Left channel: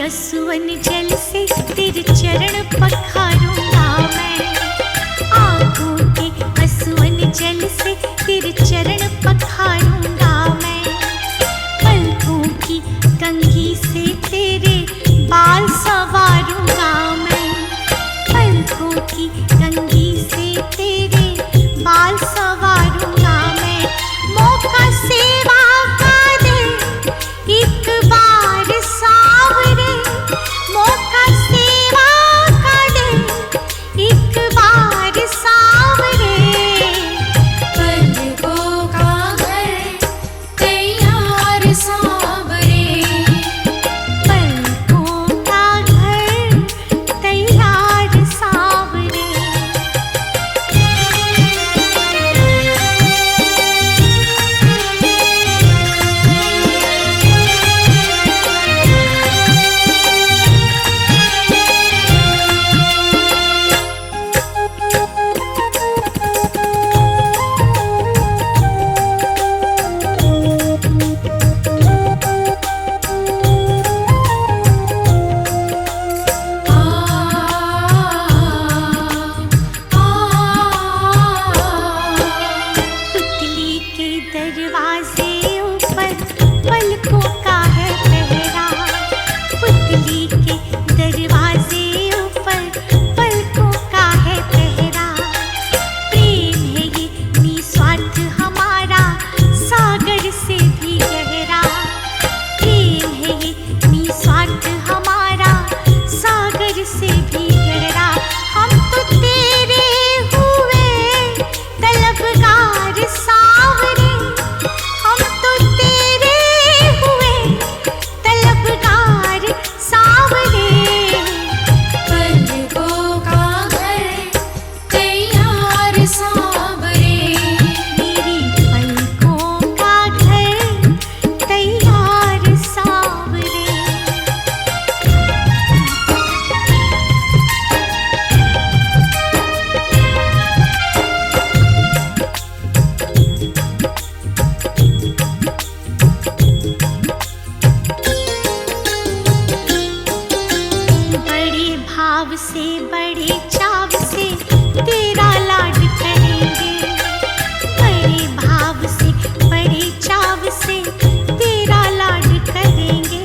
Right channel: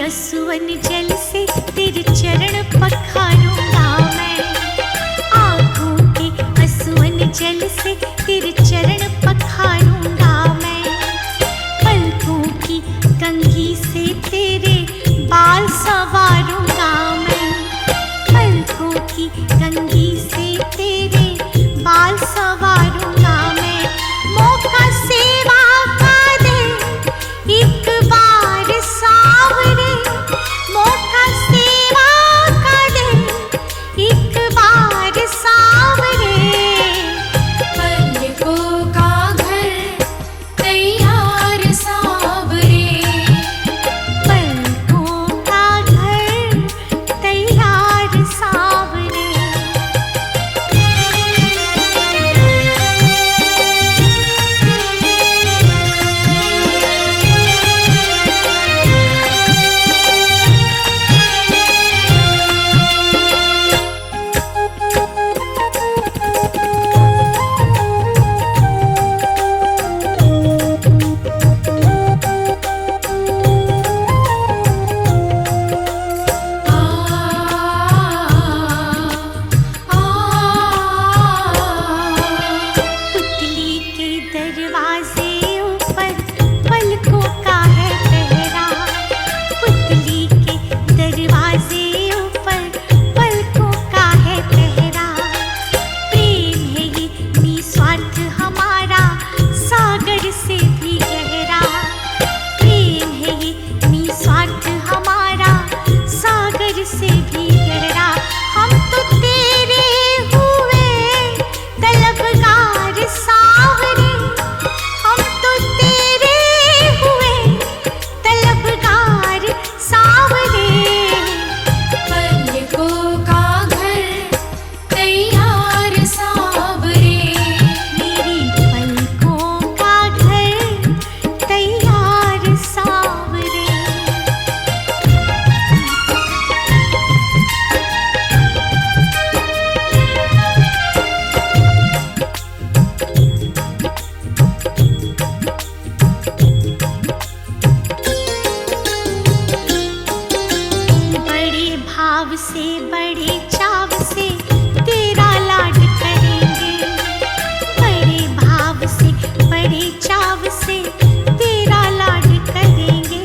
असुवन जल से तेरे चरण पखारूंगा मैं। आँखों के असुवन जल से तेरे चरण पखारूंगा मैं। पलकों की कंघी से तेरे बाल संवारूंगा मैं। पलकों की कंघी से तेरे बाल संवारूंगा मैं। मौका सेवा का दे एक बार सावरे। मौका सेवा का दे एक बार सावरे। पलकों का घर तैयार सावरे। पलकों का घर तैयार सावरे। पुतली के दरवाजे ऊपर पलकों का है पहरा। पुतली के दरवाजे ऊपर पलकों का है पहरा। प्रेम है ये निस्वार्थ हमारा सागर से भी गहरा। प्रेम है ये निस्वार्थ हमारा सागर से भी गहरा। हम तो तेरे हुए तलबगार सावरे। हम तो तेरे हुए तलबगार सावरे। पलकों का घर तैयार सावरे। मेरी पलकों का घर तैयार सावरे। बड़े भाव से बड़े चाव से तेरा लाड करेंगे। बड़े भाव से बड़े चाव से तेरा लाड करेंगे।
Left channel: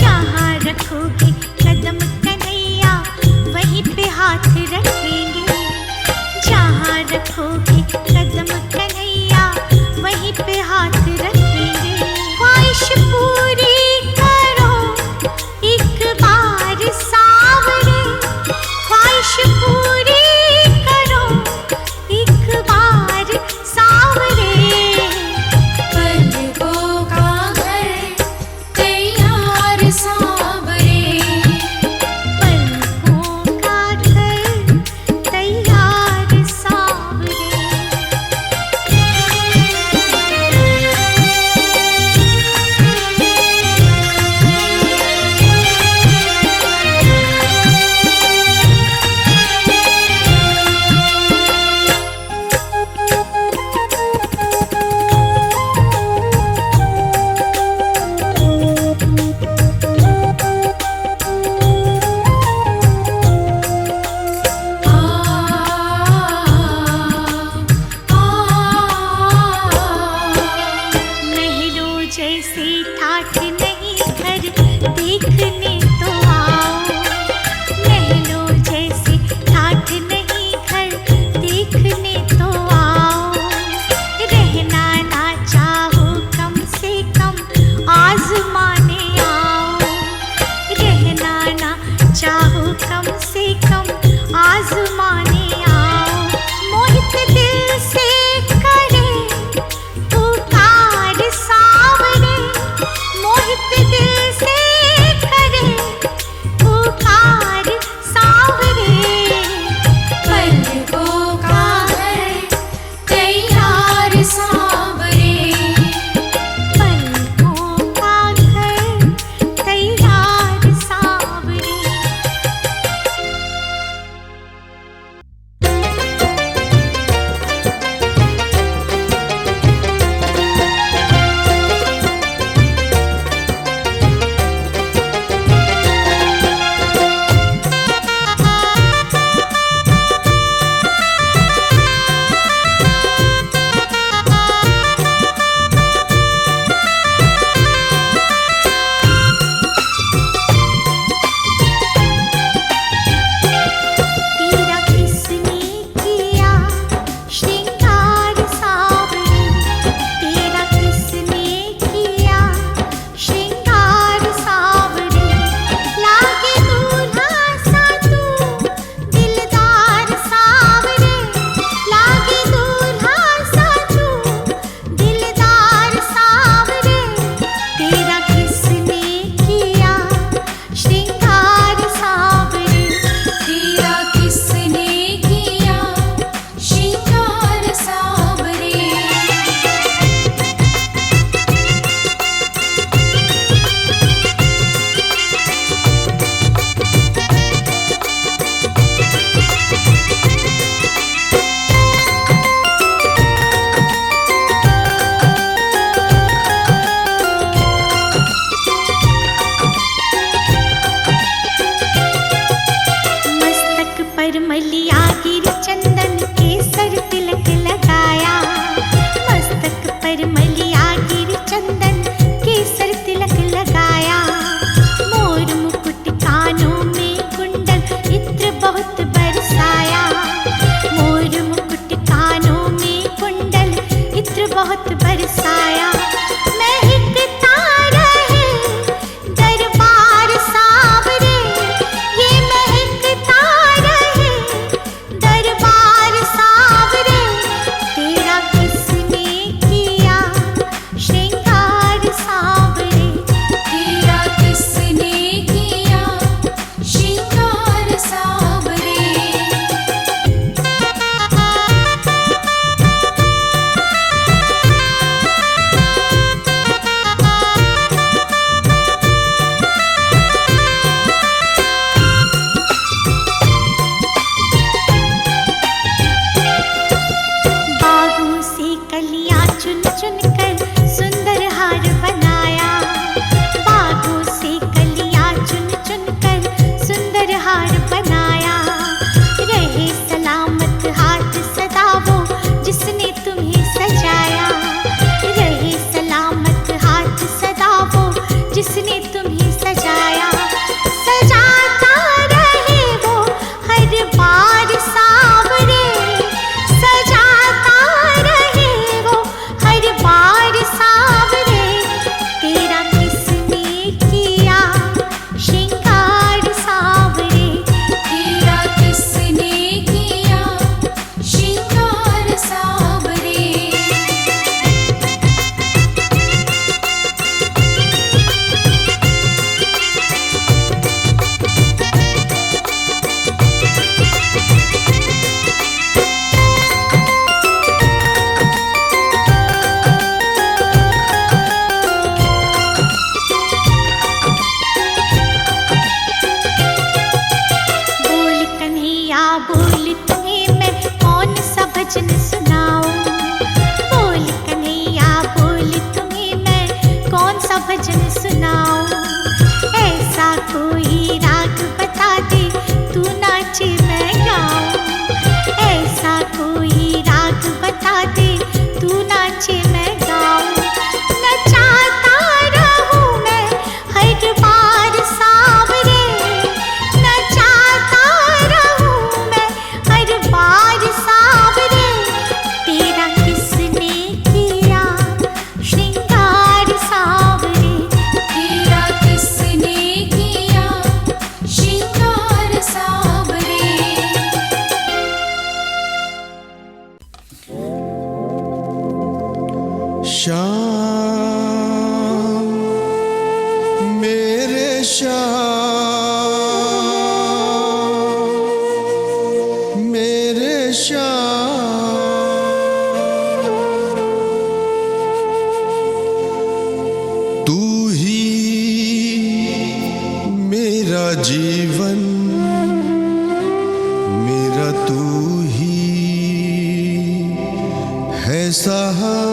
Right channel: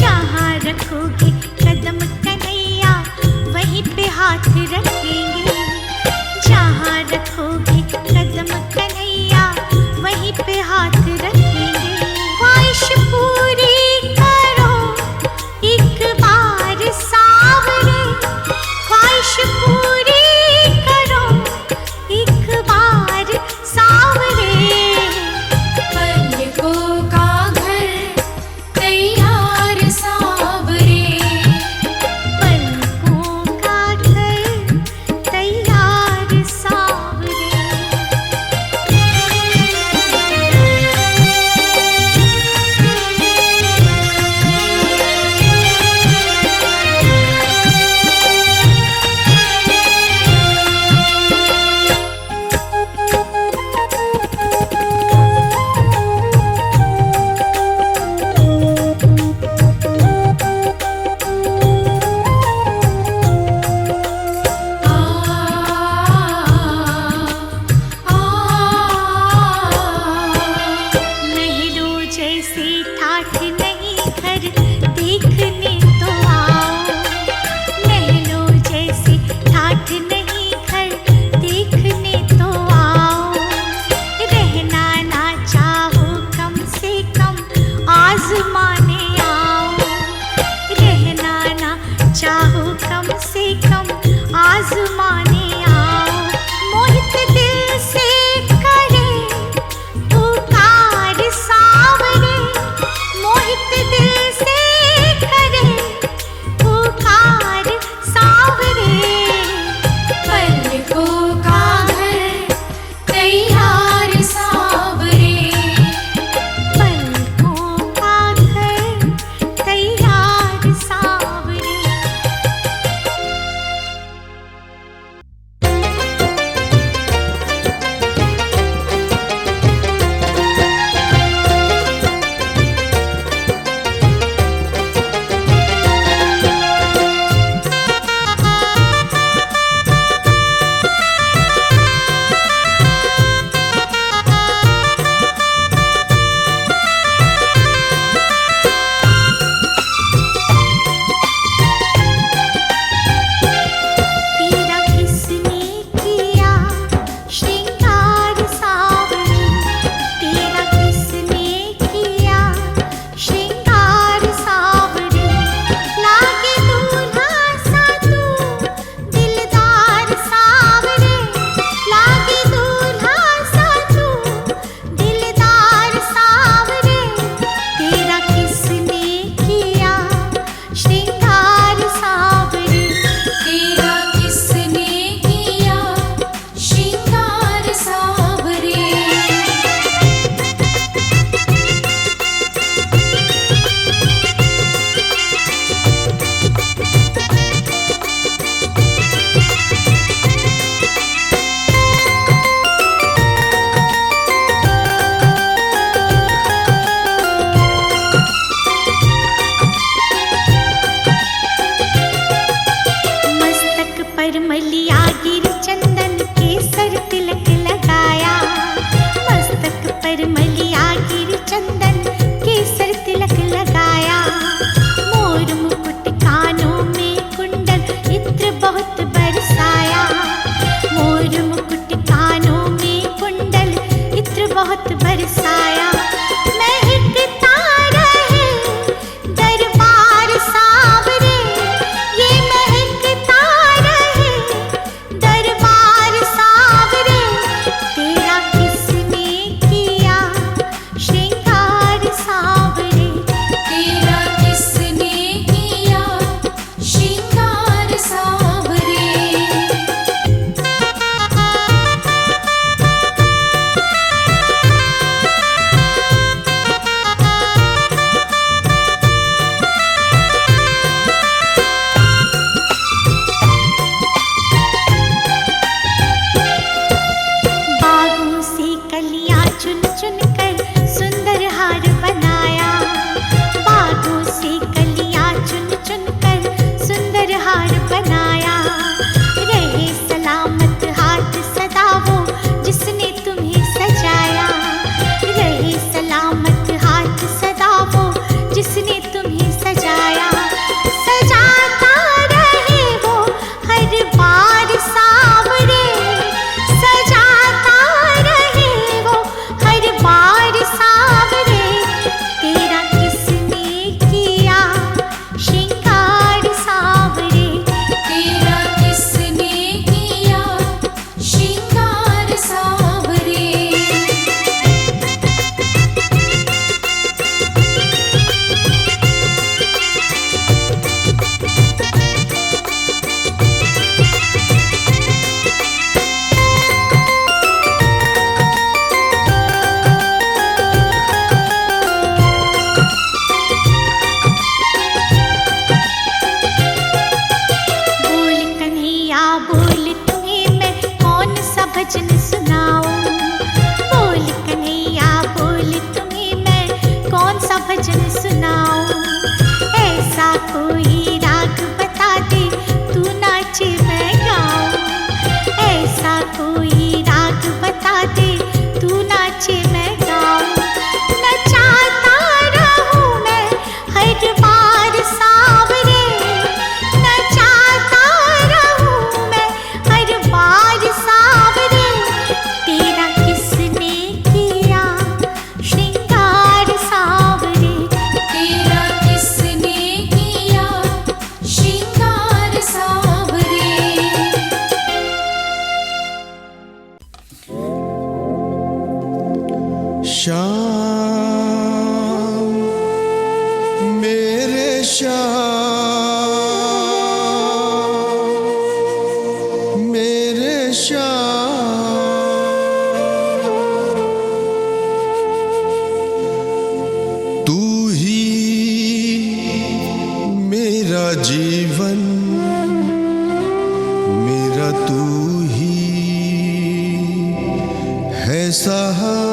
जहाँ रखोगे कदम कन्हैया वहीं पे हाथ रखेंगे। जहाँ रखोगे कदम कन्हैया वहीं पे हाथ रखेंगे। ख्वाहिश पूरी करो एक बार सावरे। ख्वाहिश पूरी करो एक बार सावरे। पलकों का घर तैयार सावरे। पलकों का घर तैयार सावरे। महलों जैसे ठाठ नहीं घर देखने तो आओ। महलों जैसे ठाठ नहीं घर देखने तो आओ। रहना ना चाहो कम से कम आजमाने आओ। रहना ना चाहो कम से कम आजमाने आओ। मोहित दिल से करे पुकार सावरे। मोहित दिल से करे पुकार सावरे। पलकों का घर तैयार सावरे। पलकों का घर तैयार सावरे। श्रृंगार सावरे। तेरा किसने किया श्रृंगार सावरे। मस्तक पर मलिया गिर चंदन केसर तिलक लगाया। मस्तक पर मलिया गिर चंदन केसर तिलक लगाया। मोर मुकुट कानों में कुंडल इत्र बहुत बरसाया। मोर मुकुट कानों में कुंडल इत्र बहुत बरसाया। महकता रहे दरबार सावरे। ये महकता रहे दरबार सावरे। तेरा किसने किया श्रृंगार सावरे। तेरा किसने किया श्रृंगार सावरे। बागों से कलियां चुन चुन कर सुंदर हार बनाया। बागों से कलियां चुन चुन कर सुंदर हार बनाया। रहे सलामत हाथ सदा वो जिसने तुम्हें सजाया। रहे सलामत हाथ सदा वो जिसने तुम्हें सजाया। सजाता रहे वो हर बार सावरे। सजाता रहे वो हर बार सावरे। तेरा किसने किया श्रृंगार सावरे। तेरा किसने किया श्रृंगार सावरे। बोल कन्हैया बोल तुम्हें मैं कौन सा भजन सुनाऊं। बोल कन्हैया बोल तुम्हें मैं कौन सा भजन सुनाऊं। ऐसा कोई राग बता दे तू नाचे मैं गाऊं। ऐसा कोई राग बता दे तू नाचे मैं गाऊं। नचाता रहूं मैं हर बार सावरे। नचाता रहूं मैं हर बार सावरे। तेरा किसने किया श्रृंगार सावरे। तेरा किसने किया श्रृंगार सावरे। श्याम मेरे श्याम मेरे श्याम तू ही मेरा जीवन मेरा तू ही है सहारा।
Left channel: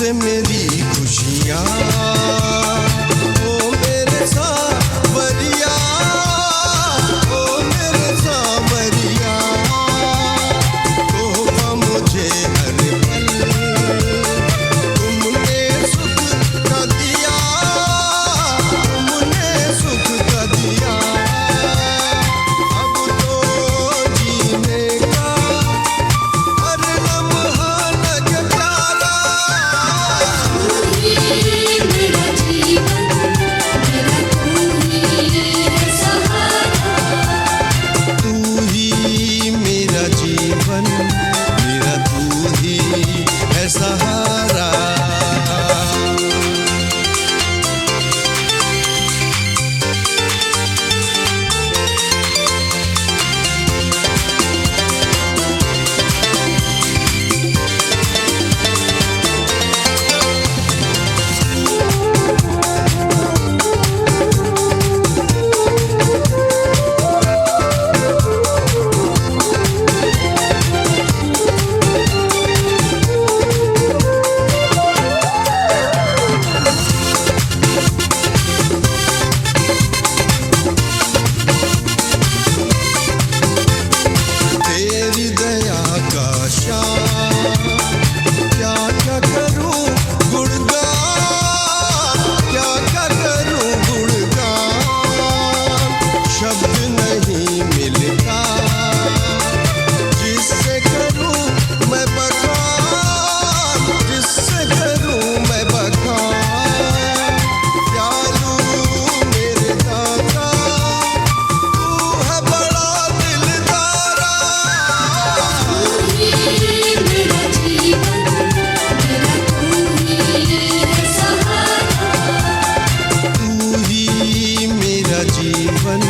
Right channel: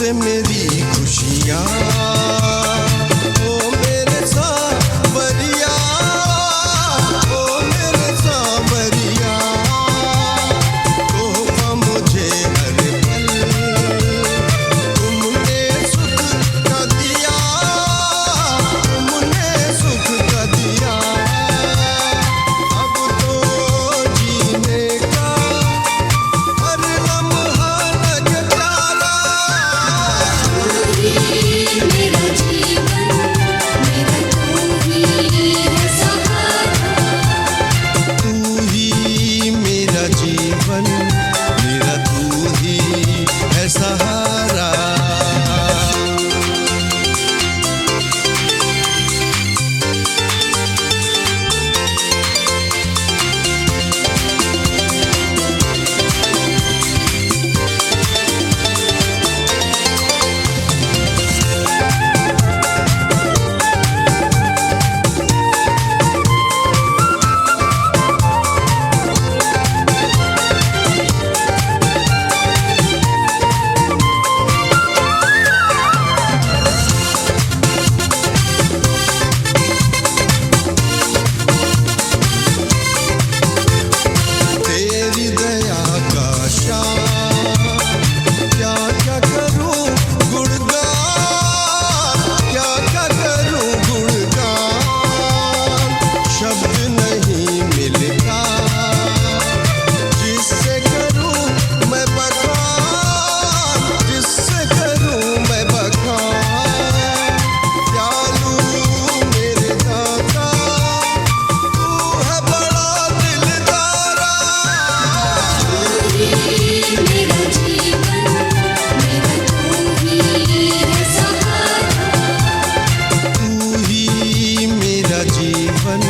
तुझसे मेरी खुशियाँ, ओ मेरे सांवरिया, ओ मेरे सांवरिया, तोहफा मुझे हर पल तुमने सुख का दिया, तुमने सुख का दिया। अब तो जीने का हर लम्हा लगे प्यारा। तू ही मेरा जीवन, मेरा तू ही है सहारा। तेरी दया का शान, क्या क्या करूं गुणगान, क्या क्या करूं गुणगान। शब्द नहीं मिलता जिससे करूं मैं बखान, जिससे करूं मैं बखान। दयालु मेरे दाता, तू है बड़ा दिलदारा। तू ही मेरा जीवन,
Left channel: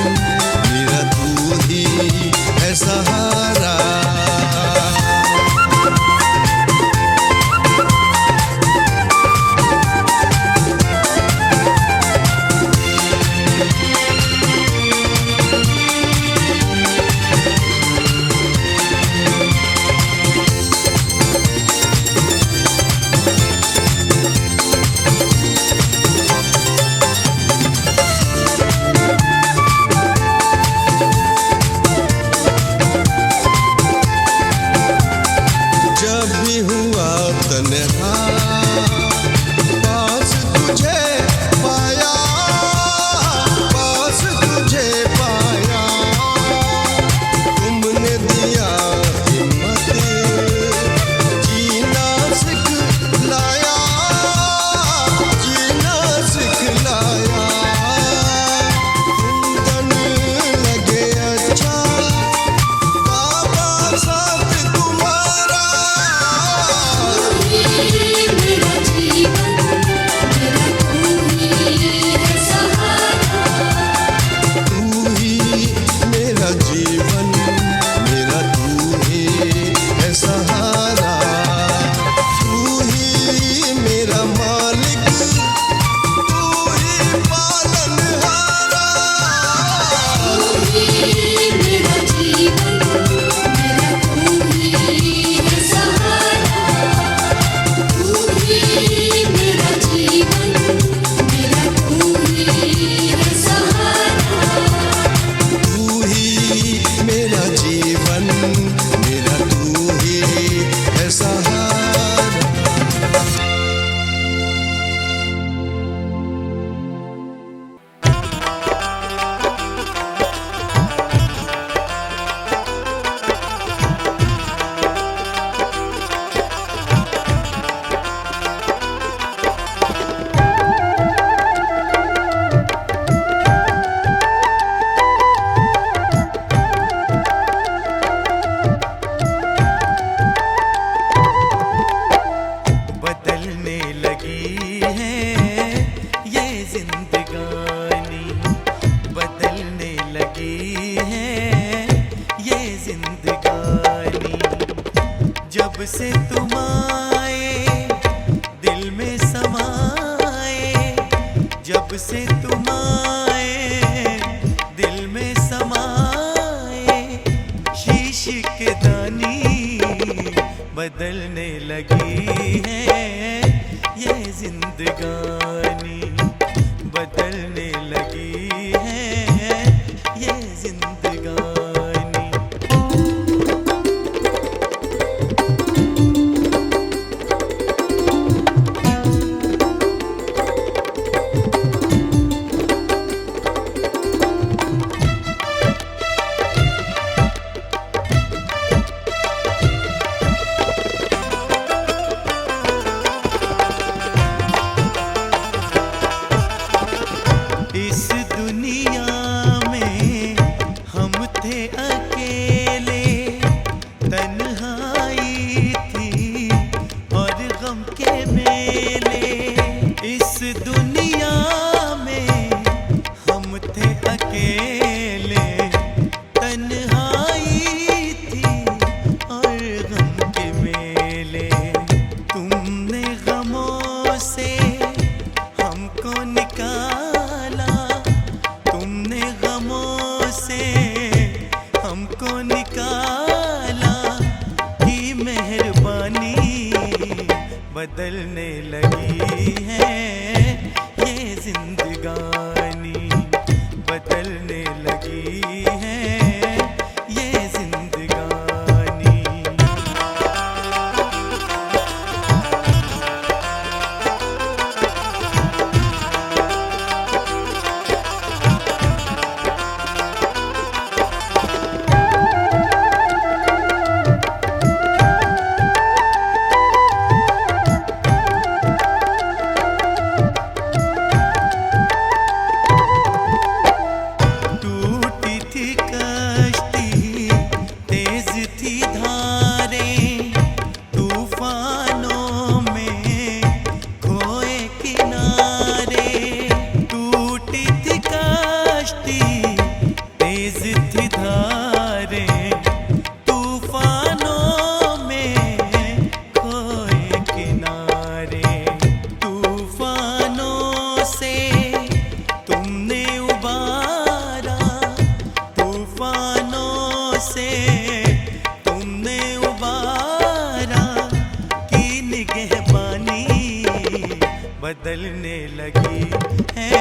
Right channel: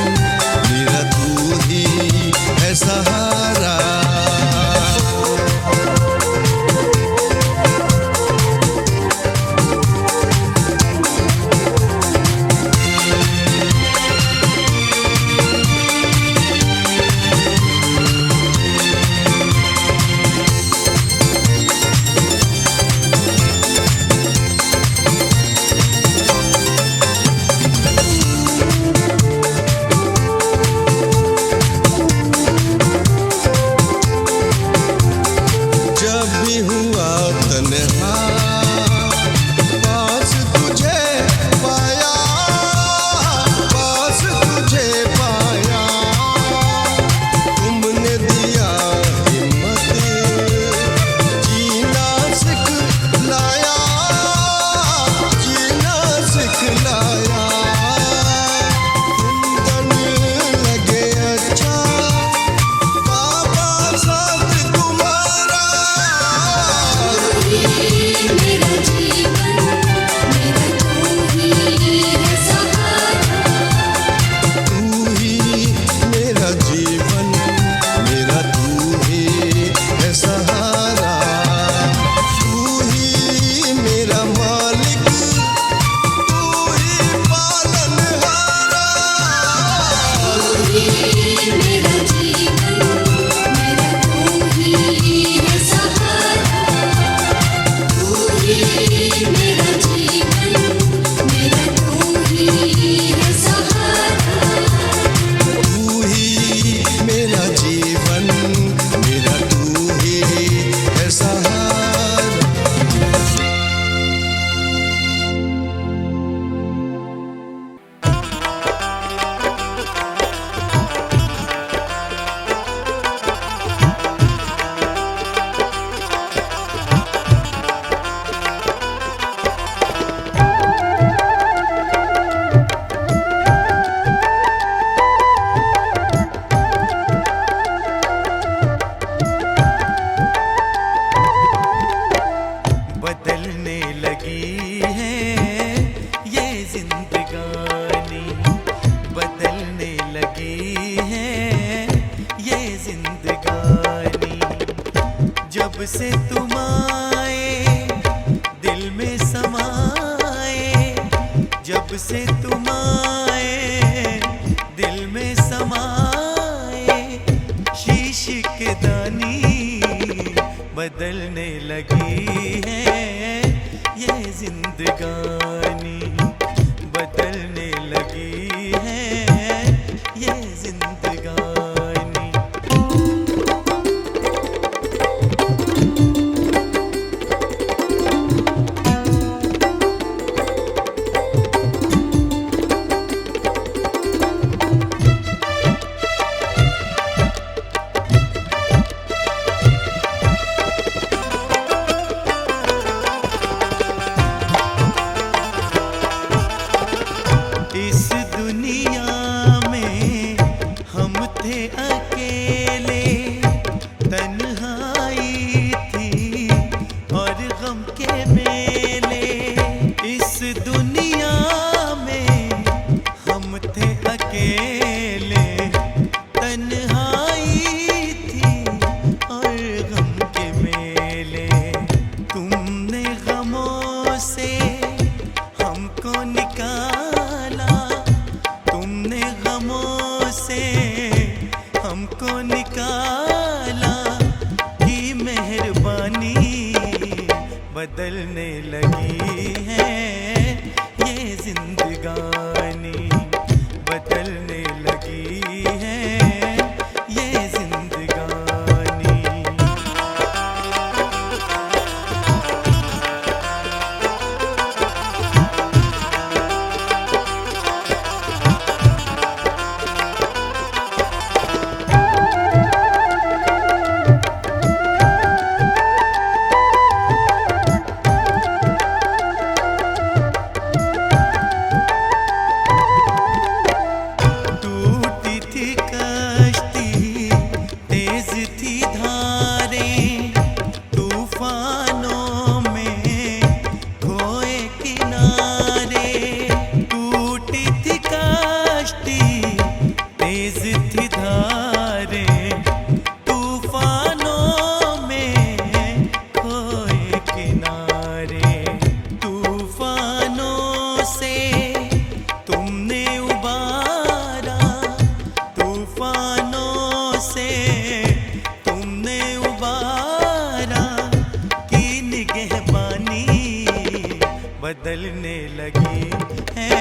मेरा तू ही है सहारा। जब भी हुआ तन्हा, पास तुझे पाया, पास तुझे पाया। तुमने दिया हिम्मत, जीना सिखलाया, जीना सिखलाया। कुंदन लगे अच्छा, बाबा साथ तुम्हारा। तू ही मेरा जीवन, मेरा तू ही है सहारा। तू ही मेरा मालिक, तू ही पालनहारा। तू ही मेरा जीवन, मेरा तू ही है सहारा। बदलने लगी है ये जिंदगानी, बदलने लगी है ये जिंदगानी। जब से तुम आए दिल में समाए, जब से तुम आए दिल में समाए। शीश के दानी बदलने लगी है जिंदगानी बदलने लगी है ये जिंदगानी। इस दुनिया में हम थे अकेले, तन्हाई थी और गम के मेले। इस दुनिया में हम थे अकेले, तन्हाई थी और गम के मेले। तुमने गमों से हमको निकाला, तुमने गमों से हमको निकाला, की मेहरबानी बदलने लगी है ये जिंदगानी, बदलने लगी है ये जिंदगानी। टूटी थी कश्ती, तेज थी धारें, तूफानों में खोए किनारे। टूटी थी कश्ती, तेज थी धारें, तूफानों में खोए किनारे। तूफानों से तुमने उबारा, तूफानों से तुमने उबारा, की निगहबानी बदलने लगी है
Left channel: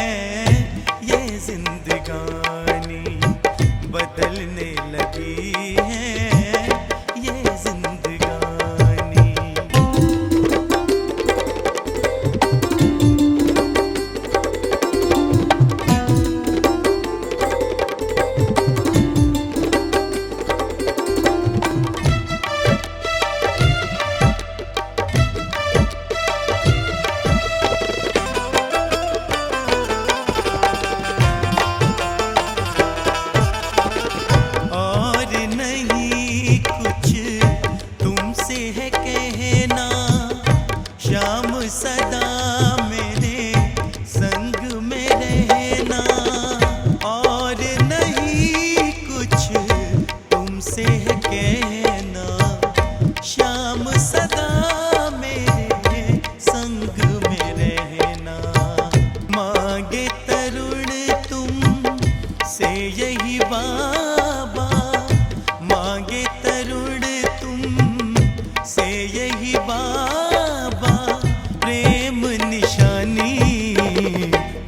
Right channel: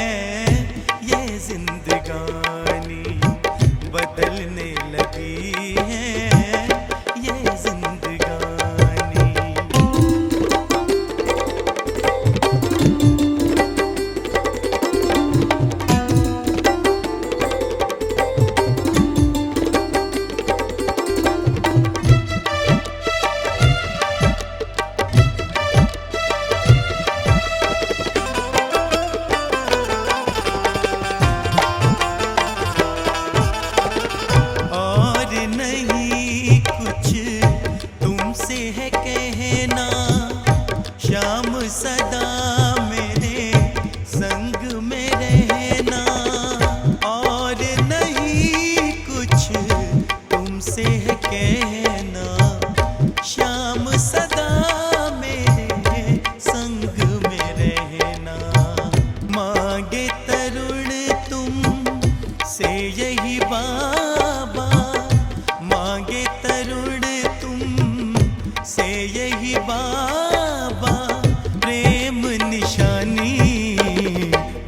ये जिंदगानी, बदलने लगी है ये जिंदगानी। और नहीं कुछ तुमसे है कहना, शाम सदा मेरे संग में रहना। और नहीं कुछ तुमसे है कहना, शाम सदा मेरे संग में रहना। मांगे तरुण तुम से यही बाबा, मांगे तरुण तुम से यही बाबा, प्रेम निशानी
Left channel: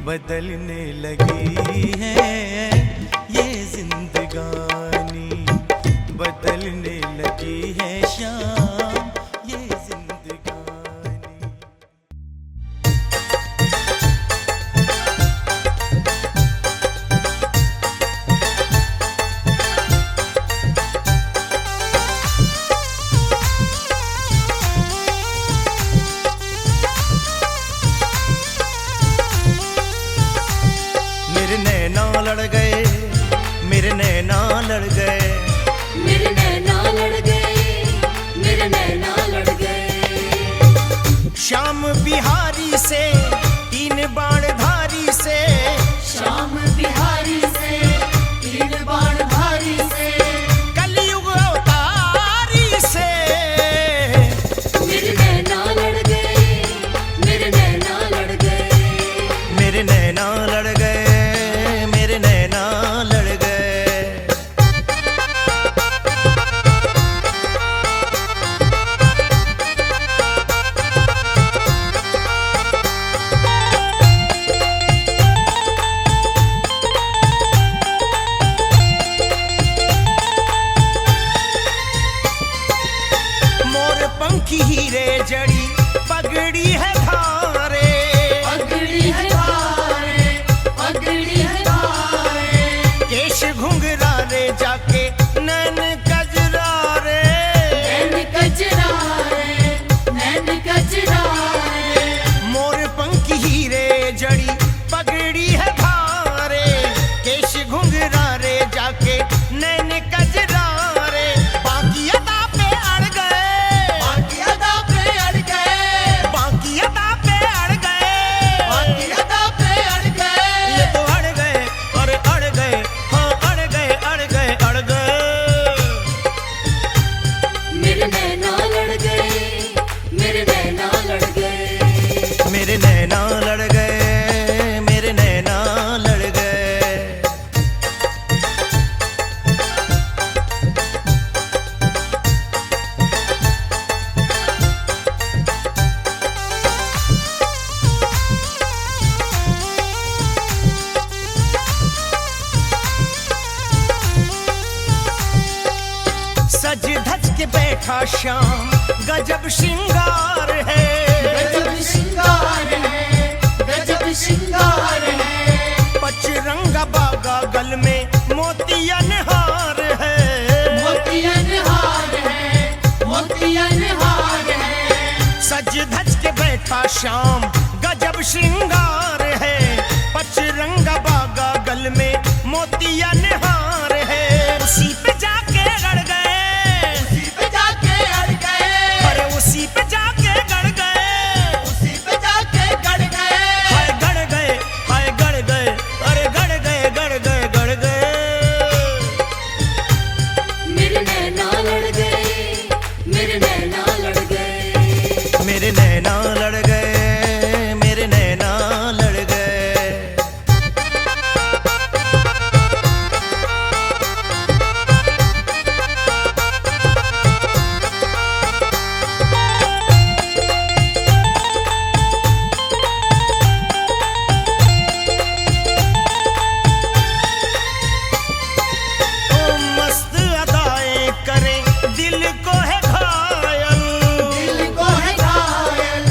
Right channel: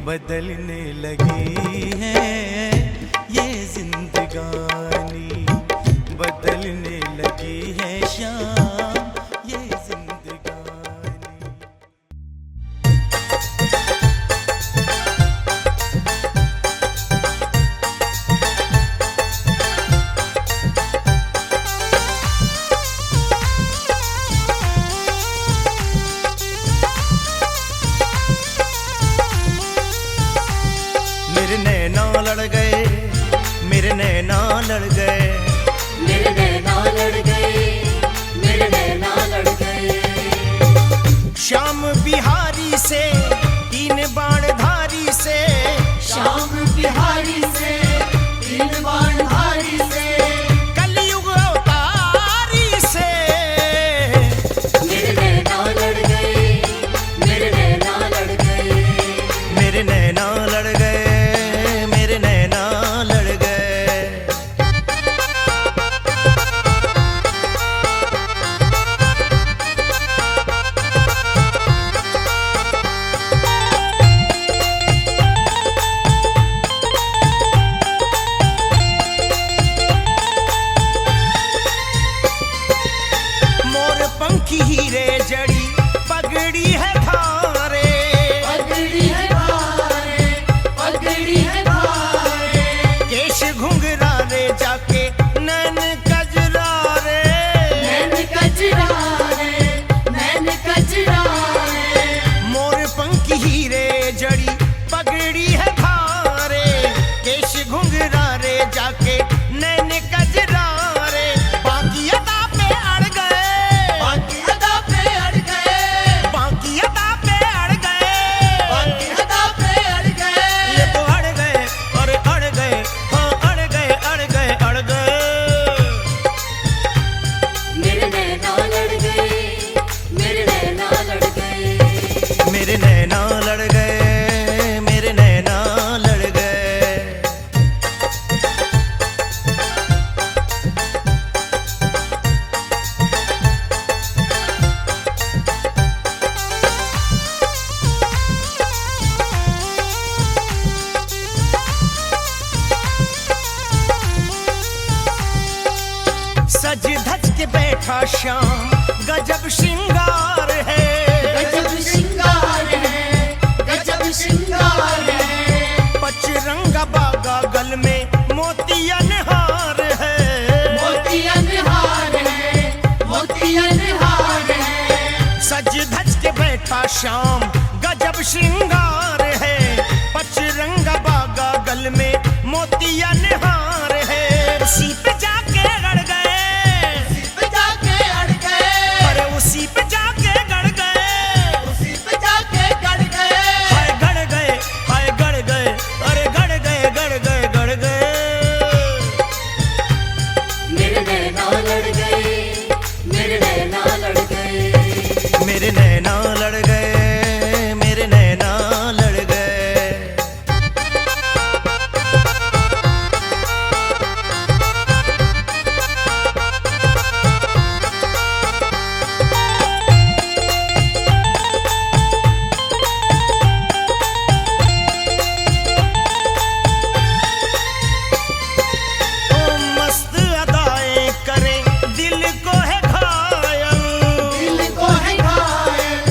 बदलने लगी है ये जिंदगानी, बदलने लगी है शाम ये जिंदगानी। मेरे नैना लड़ गए, मेरे नैना लड़ गए, मेरे नैना लड़ गए, मेरे नैना लड़ गए। श्याम बिहारी से तीन बाण धारी से, श्याम बिहारी से तीन बाण धारी से, कलयुग अवतारी से। मेरे नैना लड़ गए, मेरे नैना लड़ गए। मेरे नैना लड़ गए, मेरे नैना लड़ गए। पगड़ी है भारे, पगड़ी है भारे, पगड़ी है भारे। केश घुंघरा रे जाके नैन कजरा रे, नैन कजरा रे, नैन कजरा रे। मोर पंखी हीरे जड़ी पगड़ी है भारे, केश घुंघरा रे जाके नैन कजरा रे। बाकी अदा पे अड़ गए, बाकी अदा पे अड़ गए, बाकी अदा पे अड़ गए, बाकी अदा पे अड़ गए। ये तो अड़ गए, अरे अड़ गए, हाँ अड़ गए, अड़ गए, अड़ गए। मेरे नैना लड़ गए, मेरे नैना लड़ गए। मेरे नैना लड़ गए, मेरे नैना लड़ गए। सज धज के बैठा श्याम गजब श्रृंगार है, गजब श्रृंगार है, गजब श्रृंगार है। पचरंगा बागा गल में मोतियन हार है, मोतियन हार है, मोतियन हार है। सज धज के बैठा श्याम गजब श्रृंगार है। पचरंगा बागा गल में मोतियन हार है। उसी पे जाके गड़ गए, पे जाके अड़ गए, अरे उसी पे जाके गड़ गए, उसी पे जाके गड़ गए। हाय गड़ गए, हाय गड़ गए, अरे गड़ गए, गड़ गए, गड़ गए। मेरे नैना लड़ गए, मेरे नैना लड़ गए। मेरे नैना लड़ गए, मेरे नैना लड़ गए। ओ मस्त अदाएं करें दिल को है घायल, दिल को है घायल,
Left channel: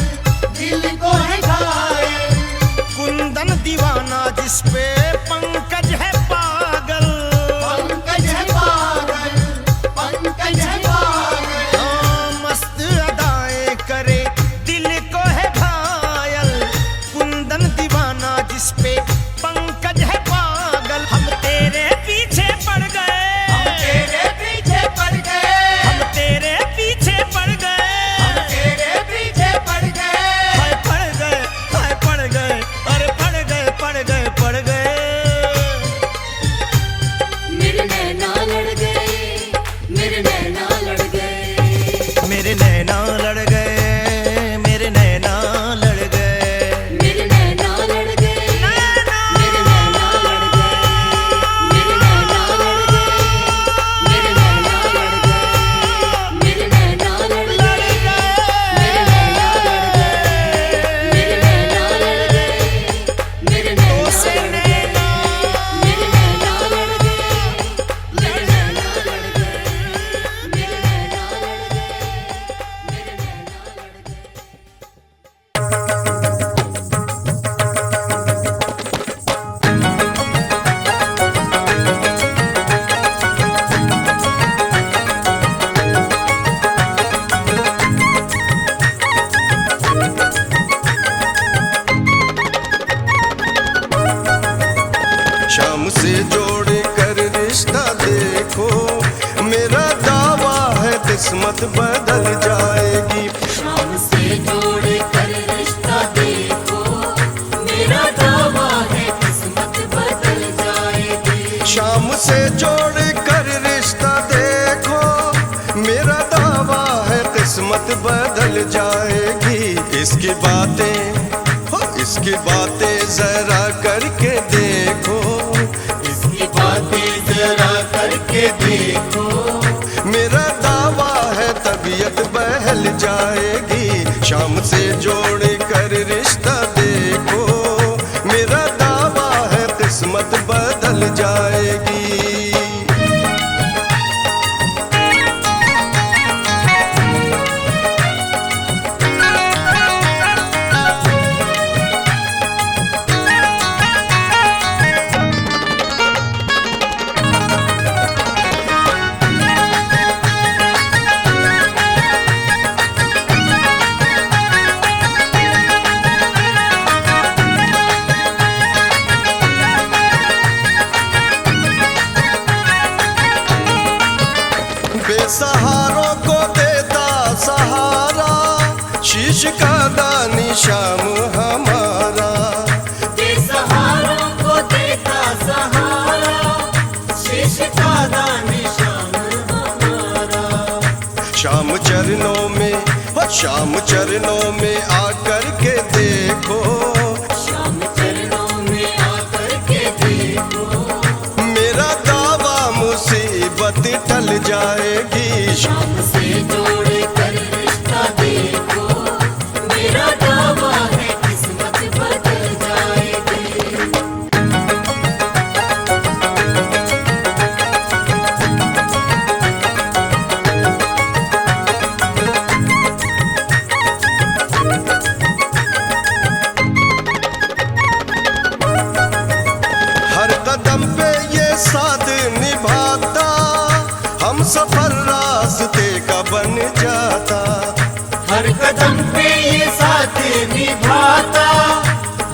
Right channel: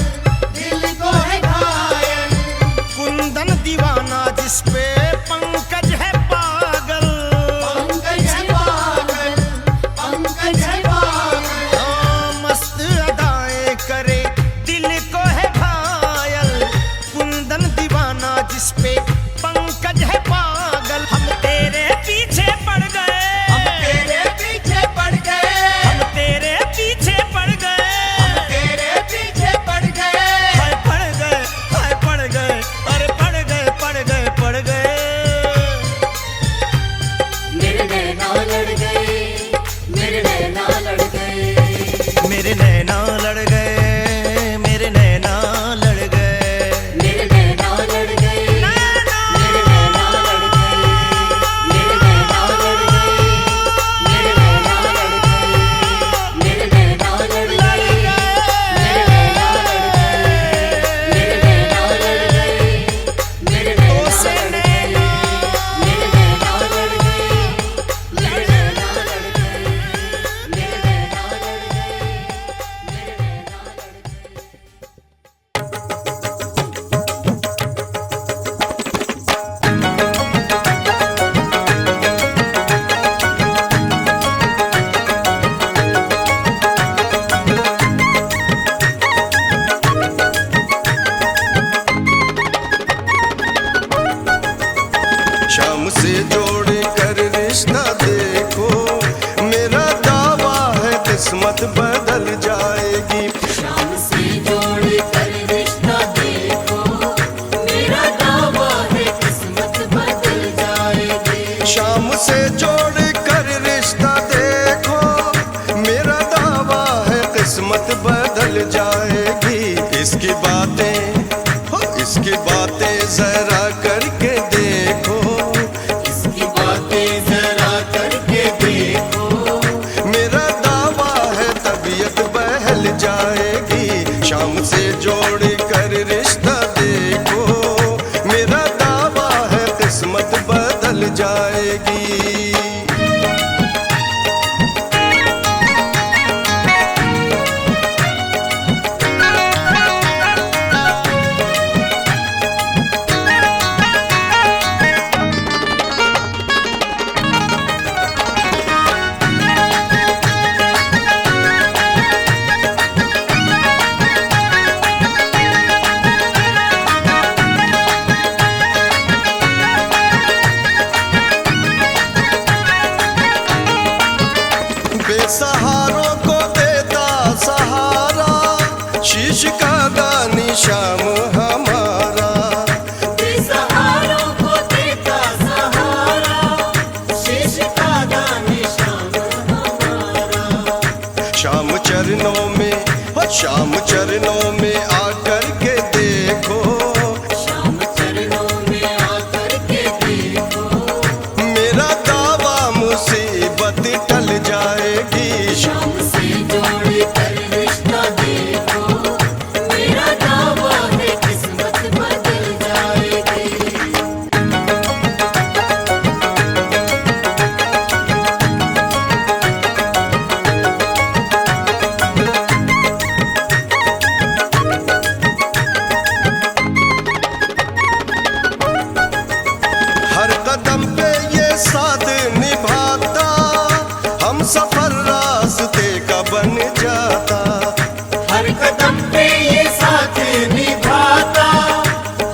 दिल को है घायल। कुंदन दीवाना जिस पे पंकज है पागल, पंकज है पागल, पंकज है पागल। ओ मस्त अदाएं करे दिल को है घायल। कुंदन दीवाना जिस पे पंकज है पागल। हम तेरे पीछे पड़ गए, तेरे पीछे पड़ गए, हम तेरे पीछे पड़ गए, तेरे पीछे पड़ गए। हाय पड़ गए, हाय पड़ गए, अरे पड़ गए, पड़ गए, पड़ गए। मेरे नैना लड़ गए, मेरे नैना लड़ गए। मेरे नैना लड़ गए, मेरे नैना लड़ गए। मेरे नैना लड़ गए, नैना मेरे नैना लड़ गए, मेरे नैना लड़ गए, मेरे नैना लड़ गए, मेरे नैना लड़ गए, लड़ गए, मेरे नैना तो से नैना मेरे नैना लड़ गए, मेरे नैना लड़ गए, मेरे नैना लड़ गए, मेरे शाम से जोड़ कर रिश्ता देखो, मेरा दावा है किस्मत बदल जाएगी। शाम से जोड़ कर रिश्ता देखो, मेरा दावा है किस्मत बदल जाएगी। शाम से जोड़ कर रिश्ता देखो, मेरा दावा है किस्मत बदल जाएगी। इसकी बातें हो, इसकी बातें जरा करके देखो, इसकी बातें जरा करके देखो, मेरा दावा है तबीयत बहल जाएगी। शाम से जोड़ कर रिश्ता देखो, मेरा दावा है किस्मत बदल जाएगी। शीश का दानी श्याम हमारा, बेसहारों को देता सहारा, शीश का दानी श्याम हमारा। श्याम चरणों में, हो श्याम चरणों में आकर के देखो, श्याम चरणों में आकर के देखो, मेरा दावा मुसीबत टल जाएगी। श्याम से जोड़ कर रिश्ता देखो, मेरा दावा है किस्मत बदल जाएगी। हर कदम पे ये साथ निभाता, हम सफर रास्ते का बन जाता। हर कदम पे ये साथ निभाता,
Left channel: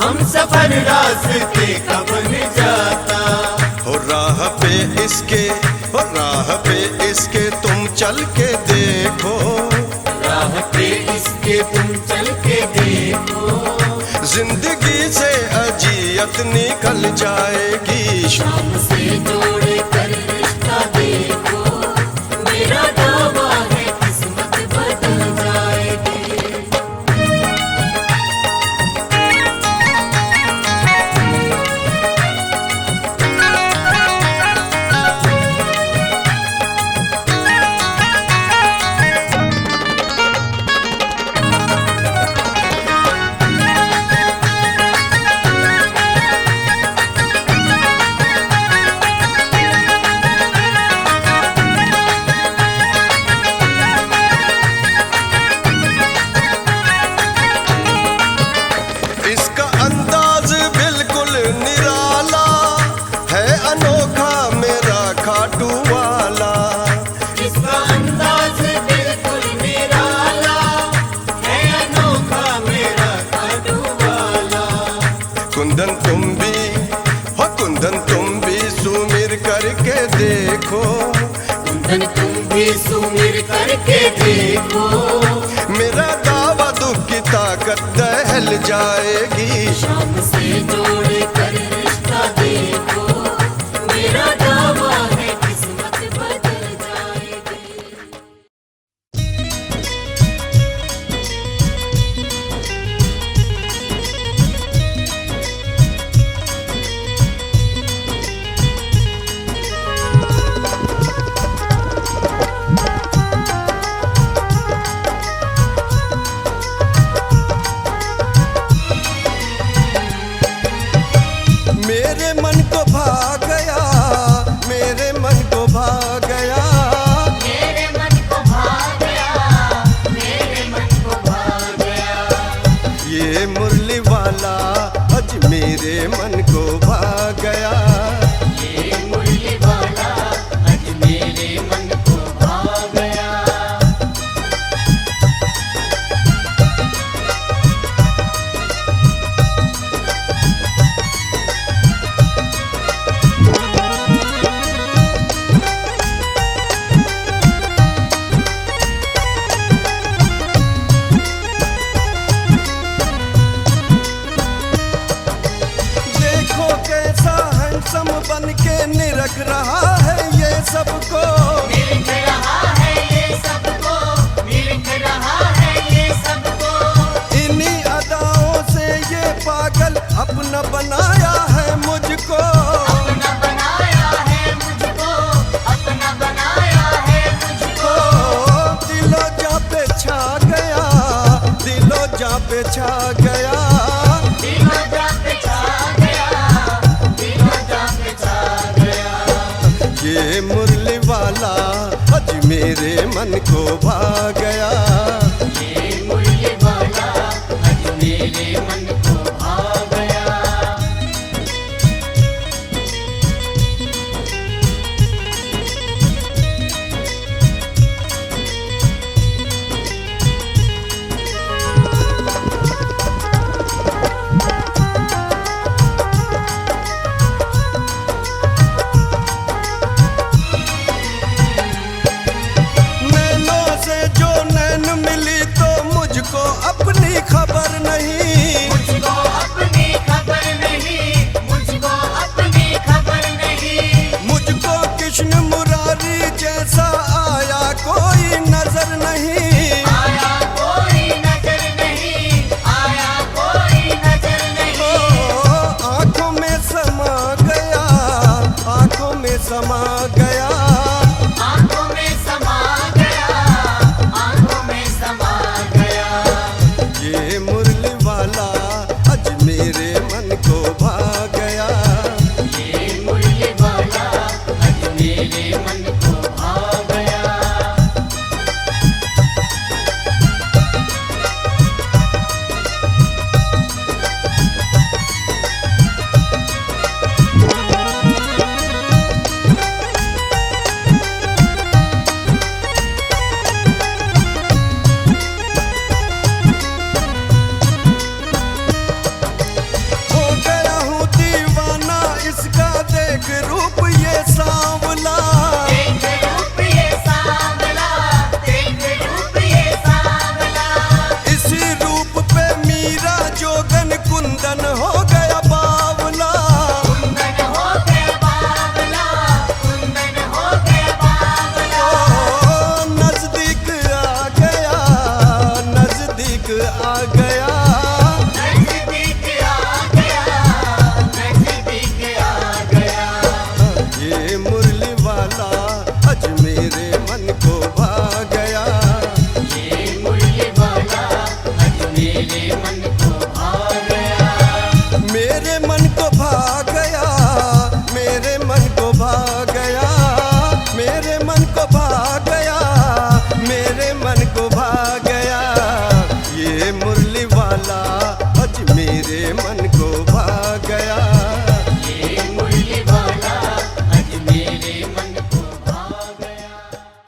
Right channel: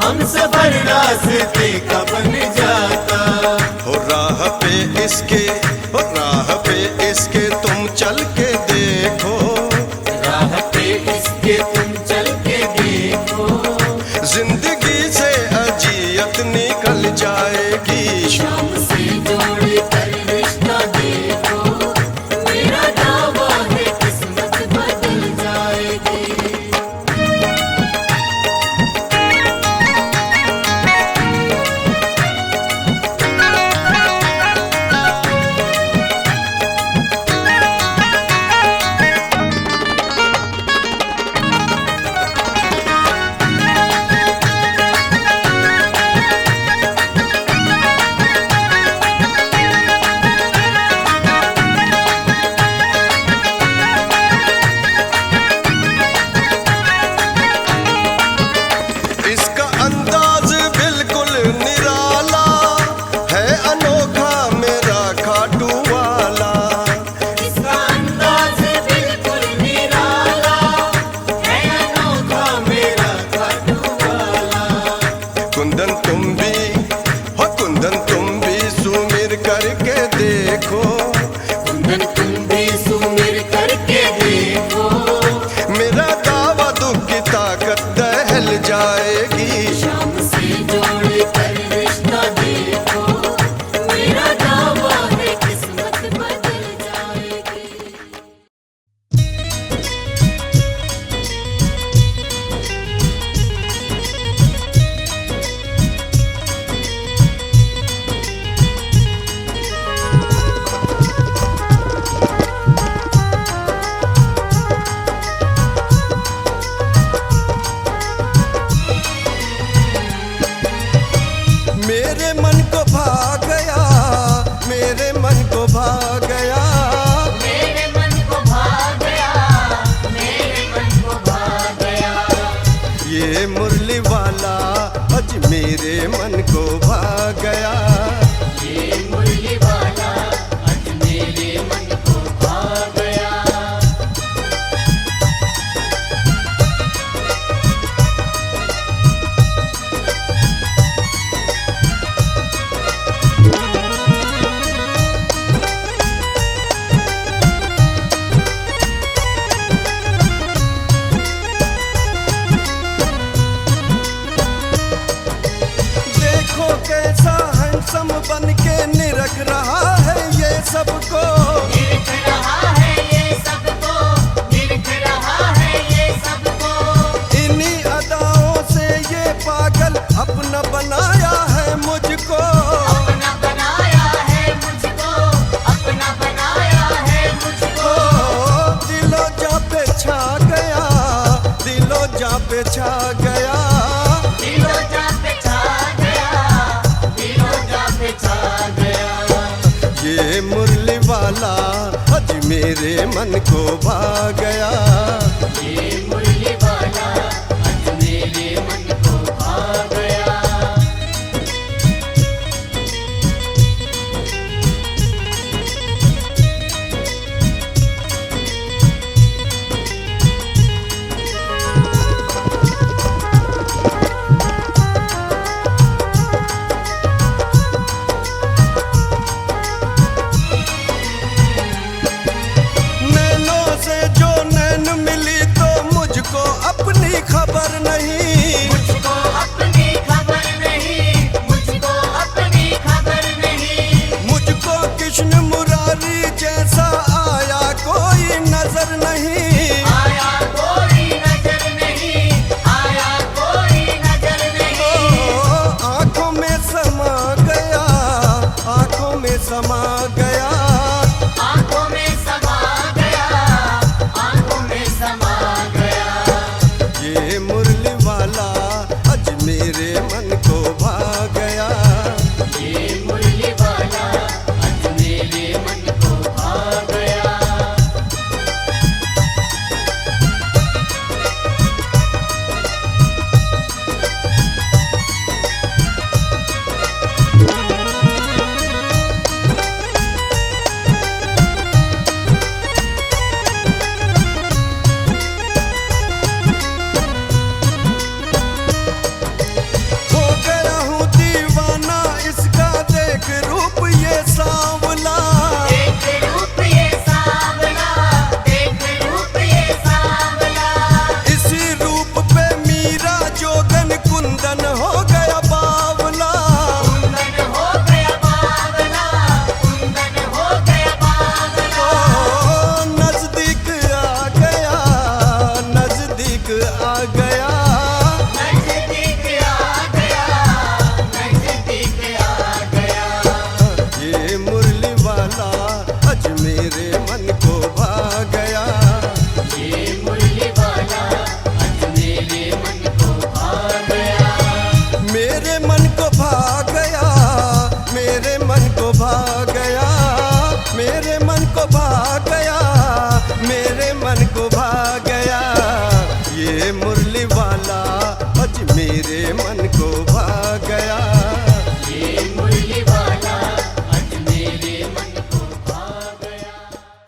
हम सफर रास्ते का बन जाता। हो राह पे इसके, हो राह पे इसके तुम चल के देखो, राह पे इसके तुम चल के देखो, जिंदगी से अजियत निकल जाएगी। श्याम से जोड़ कर रिश्ता देखो, मेरा दावा है किस्मत बदल जाएगी। इसका अंदाज बिल्कुल निराला है, अनोखा मेरा खाटू वाला। इसका अंदाज बिल्कुल निराला है, अनोखा मेरा खाटू वाला। कुंदन तुम भी, हो कुंदन तुम भी सुमिर करके देखो, कुंदन तुम भी सुमिर करके देखो, मेरा दावा दुख की ताकत दहल जाएगी। श्याम से जोड़ कर रिश्ता देखो, मेरा दावा है किस्मत बदल जाएगी। मेरे मन को भा गया, मेरे मन को भा गया, मेरे मन को भा गया, मेरे मन को भा गया। ये मुरली वाला आज मेरे मन को भा गया। ये मुरली वाला आज मेरे मन को भा गया। देखो कैसा हैंडसम बन के निरख रहा है ये सबको, निरख रहा है ये सबको, निरख रहा है ये सबको। इन्हीं अदाओं से ये पागल अपना बनाया है मुझको। अपना बनाया है मुझको, अपना बनाया है मुझको। ओ दिलो जा पे छा गया, दिलो जा पे छा गया, दिलो जा पे छा गया, दिलो जा पे छा गया। ये मुरली वाला आज मेरे मन को भा गया। ये मुरली वाला आज मेरे मन को भा गया। नैनों से जो नैन मिली नहीं, आया कोई नजर नहीं, आया कोई नजर नहीं। ओ आंखों में समा गया, आंखों में समा गया, आंखों में समा गया, आंखों में समा गया। ये मुरली वाला आज मेरे मन को भा गया। ये मुरली वाला आज मेरे मन को भा गया। हो गया हूँ दीवाना इसका, देख रूप ये सांवला। एक रूप ये सांवला, एक रूप ये सांवला। इसी रूप पे मीरा जोगन कुंदन हो गया बावला। कुंदन हो गया बावला, कुंदन हो गया बावला। ओ नजदीक आ गया, नजदीक आ गया, नजदीक आ गया, नजदीक आ गया। ये मुरली वाला आज मेरे मन को भा गया। ये मुरली वाला आज मेरे मन को भा गया। मेरे मन को भा गया, मेरे मन को भा गया, मेरे मन को भा गया, मेरे मन को भा गया। ये मुरली वाला आज मेरे मन को भा गया।